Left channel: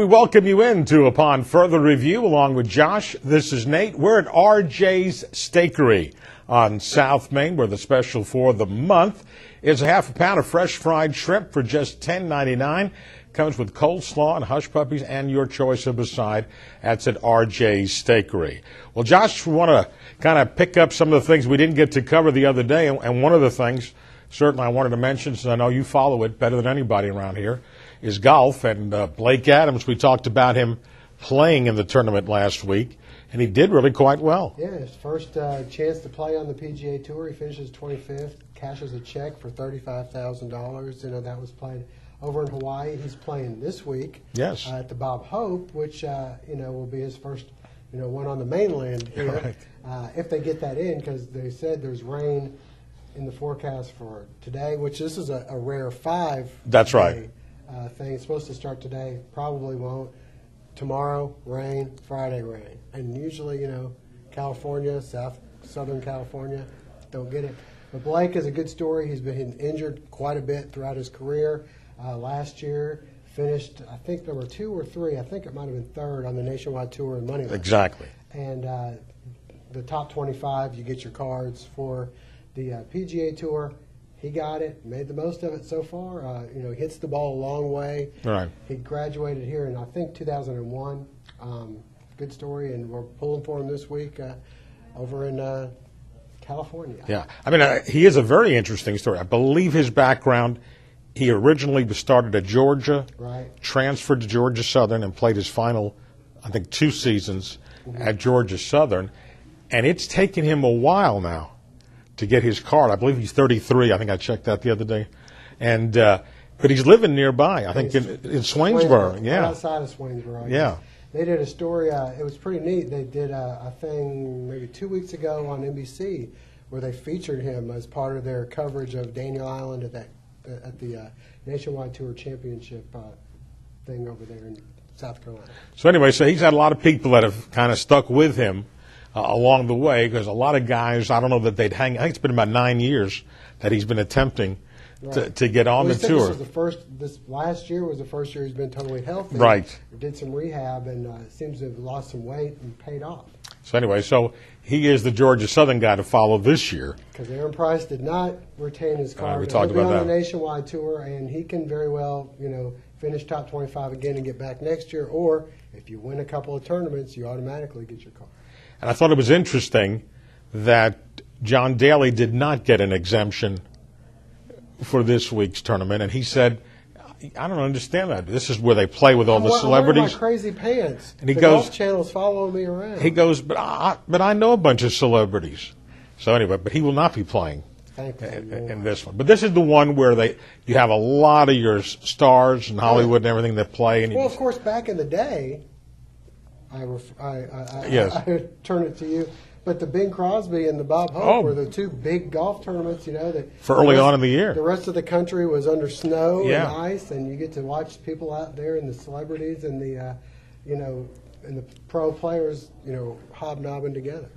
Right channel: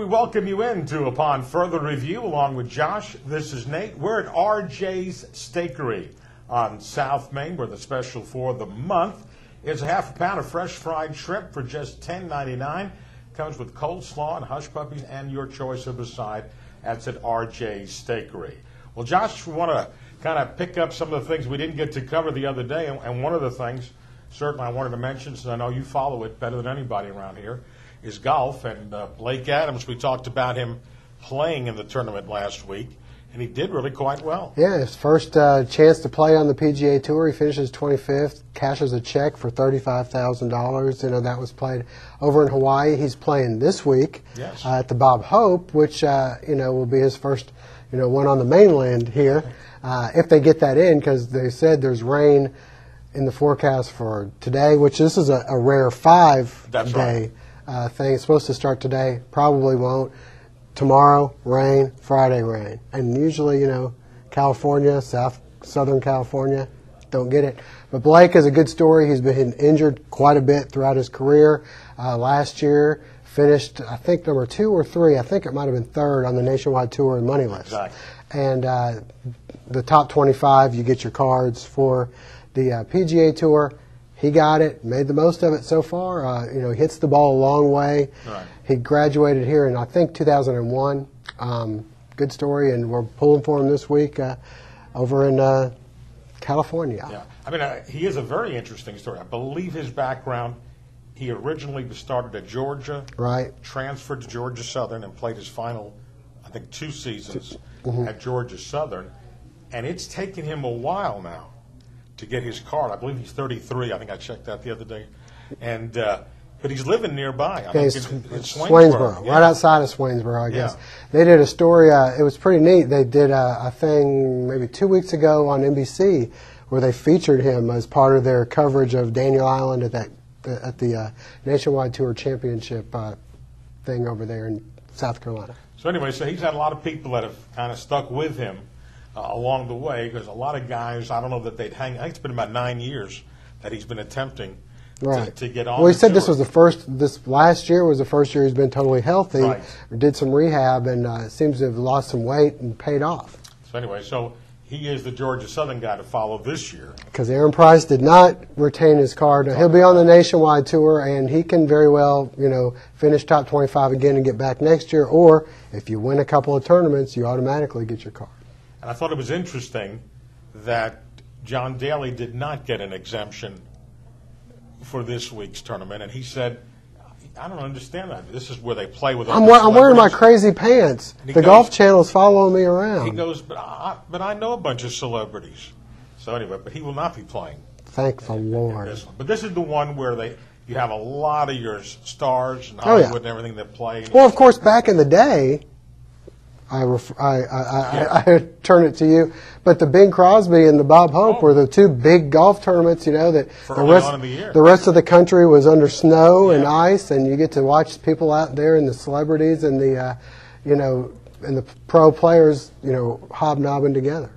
We welcome you into Upon Further Review along with Josh. This is Nate. We're at RJ's Steakery on South Main, where the special for the month is a half a pound of fresh fried shrimp for just $10.99. Comes with coleslaw and hush puppies and your choice of a side. That's at RJ's Steakery. Well, Josh, we want to kind of pick up some of the things we didn't get to cover the other day, and one of the things certainly I wanted to mention, since I know you follow it better than anybody around here, is golf. And Blake Adams, we talked about him playing in the tournament last week, and he did really quite well. Yeah, his first chance to play on the PGA Tour. He finishes 25th, cashes a check for $35,000. You know, that was played over in Hawaii. He's playing this week at the Bob Hope, which will be his first one on the mainland here, if they get that in, because they said there's rain in the forecast for today, which this is a rare 5-day. That's right. Thing. It's supposed to start today. Probably won't. Tomorrow, rain. Friday, rain. And usually, California, Southern California, don't get it. But Blake is a good story. He's been injured quite a bit throughout his career. Last year, finished, I think, number 2 or 3. I think it might have been 3rd on the Nationwide Tour in Money List. Exactly. And the top 25, you get your cards for the PGA Tour. He got it, made the most of it so far. He hits the ball a long way. Right. He graduated here in, I think, 2001. Good story, and we're pulling for him this week over in California. Yeah, I mean, he is a very interesting story. I believe his background, he originally started at Georgia, right? Transferred to Georgia Southern and played his final, I think, 2 seasons at Georgia Southern. And it's taken him a while now to get his card. I believe he's 33. I think I checked that the other day. And but he's living nearby, I think, in Swainsboro. Right outside of Swainsboro, I guess. They did a story. It was pretty neat. They did a thing maybe 2 weeks ago on NBC where they featured him as part of their coverage of Daniel Island at the Nationwide Tour Championship thing over there in South Carolina. So anyway, so he's had a lot of people that have kind of stuck with him along the way, because a lot of guys, I don't know that they'd hang. I think it's been about 9 years that he's been attempting to get on. Well, he the said tour. This last year was the first year he's been totally healthy. Right. Did some rehab and seems to have lost some weight and paid off. So anyway, so he is the Georgia Southern guy to follow this year. Because Aaron Price did not retain his card. He'll be on the Nationwide Tour, and he can very well, finish top 25 again and get back next year. Or if you win a couple of tournaments, you automatically get your card. And I thought it was interesting that John Daly did not get an exemption for this week's tournament. And he said, I don't understand that. This is where they play with all the celebrities. I'm wearing my crazy pants. The Golf Channel's following me around. He goes, but I know a bunch of celebrities. So anyway, but he will not be playing Thank the Lord. in this one. But this is the one where you have a lot of your stars in Hollywood and everything that play. And well, of course, back in the day, I turn it to you. But the Bing Crosby and the Bob Hope were the 2 big golf tournaments, that for early on in the year. The rest of the country was under snow and ice, and you get to watch people out there and the celebrities and the, and the pro players, hobnobbing together.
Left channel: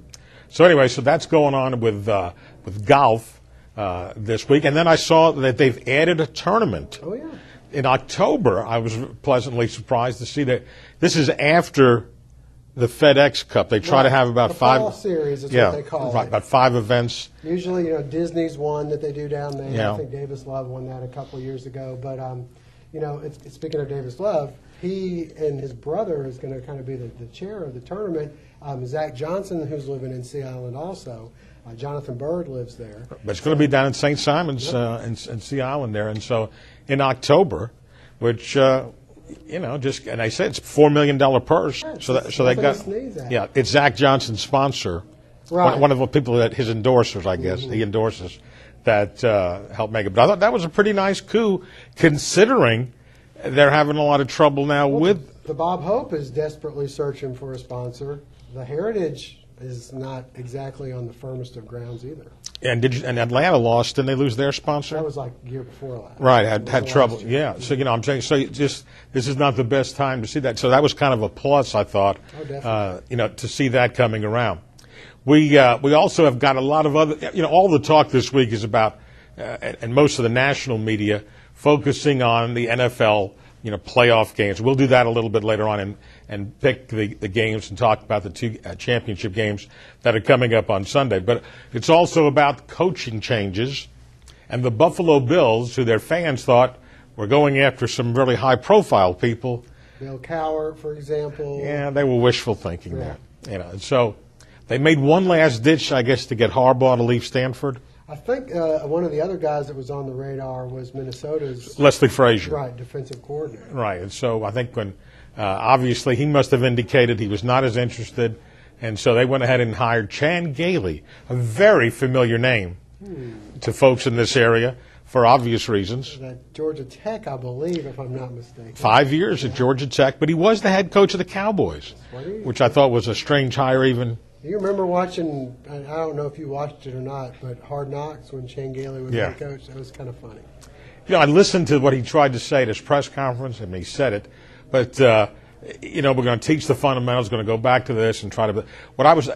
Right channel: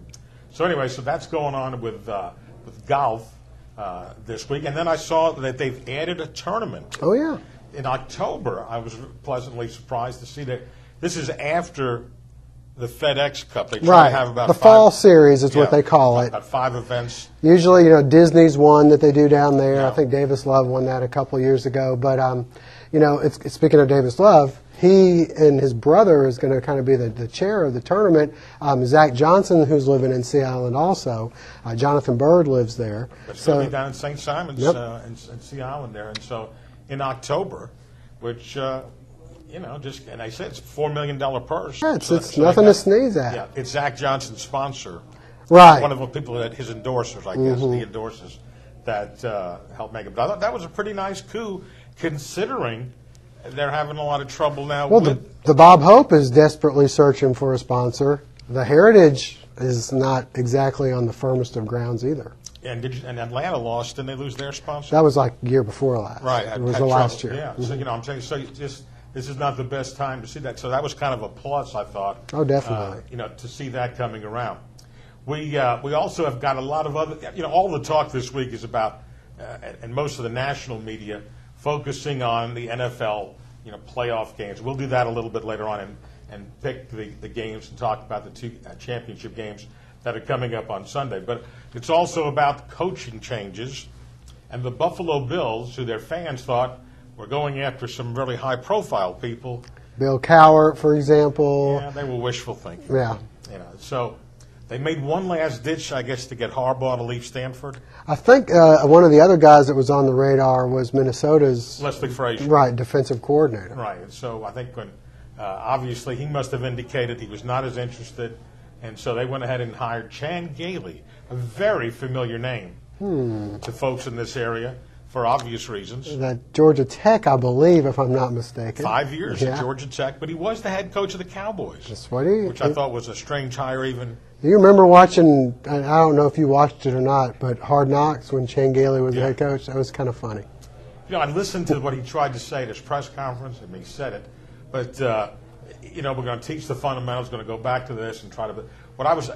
So anyway, so that's going on with golf this week, and then I saw that they've added a tournament. Oh yeah. In October, I was pleasantly surprised to see that this is after the FedEx Cup. They try to have about the fall series is what they call it. About 5 events. Usually, Disney's one that they do down there. Yeah. I think Davis Love won that a couple of years ago. But speaking of Davis Love, he and his brother is going to kind of be the chair of the tournament. Zach Johnson, who's living in Sea Island also. Jonathan Bird lives there. But it's going to be down in St. Simons in Sea Island there. And so in October, which and I said it's a $4 million purse. Yeah, it's nothing to sneeze at. Yeah, it's Zach Johnson's sponsor. Right. One of the people his endorsers, I guess, he endorses, that helped make it. But I thought that was a pretty nice coup, considering they're having a lot of trouble now with... The Bob Hope is desperately searching for a sponsor. The Heritage is not exactly on the firmest of grounds either. And Atlanta lost, didn't they lose their sponsor? That was like the year before last. Right, had trouble. Yeah, so I'm saying, this is not the best time to see that. So that was kind of a plus, I thought. Oh, definitely. To see that coming around. We also have got a lot of other, all the talk this week is about, and most of the national media, focusing on the NFL playoff games. We'll do that a little bit later on and pick the games and talk about the two championship games that are coming up on Sunday. But it's also about coaching changes and the Buffalo Bills, who their fans thought were going after some really high-profile people. Bill Cowher, for example. Yeah, they were wishful thinking. Yeah. So they made one last ditch, I guess, to get Harbaugh to leave Stanford. I think one of the other guys that was on the radar was Minnesota's Leslie Frazier. Right, defensive coordinator. Right, and so I think when obviously he must have indicated he was not as interested, and so they went ahead and hired Chan Gailey, a very familiar name to folks in this area for obvious reasons. At Georgia Tech, I believe, if I'm not mistaken. 5 years at Georgia Tech, but he was the head coach of the Cowboys, That's what which I thought was a strange hire even. You remember watching, I don't know if you watched it or not, but Hard Knocks when Chan Gailey was head coach? That was kind of funny. I listened to what he tried to say at his press conference, and he said it, but, we're going to teach the fundamentals, going to go back to this and try to, what I was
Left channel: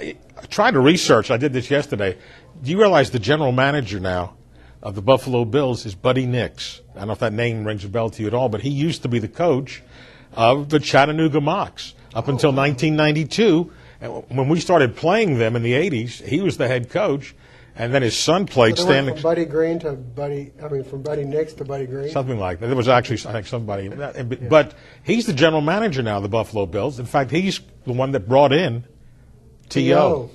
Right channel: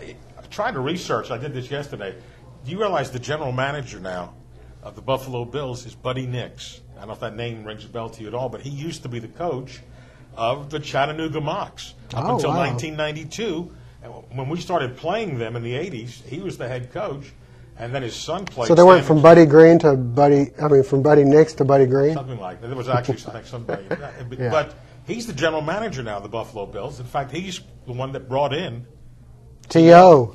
trying to research, I did this yesterday, do you realize the general manager now of the Buffalo Bills is Buddy Nix? I don't know if that name rings a bell to you at all, but he used to be the coach of the Chattanooga Mocs up until 1992. And when we started playing them in the 80s, he was the head coach, and then his son played. So they went from Buddy Nix to Buddy Green? Something like that. There was actually, I think, somebody. But he's the general manager now of the Buffalo Bills. In fact, he's the one that brought in T.O.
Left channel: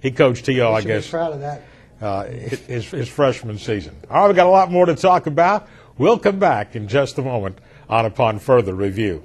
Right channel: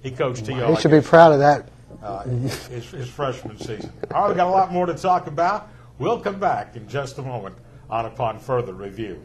He coached T.O., I guess. He should be proud of that. His freshman season. All right, we've got a lot more to talk about. We'll come back in just a moment on Upon Further Review.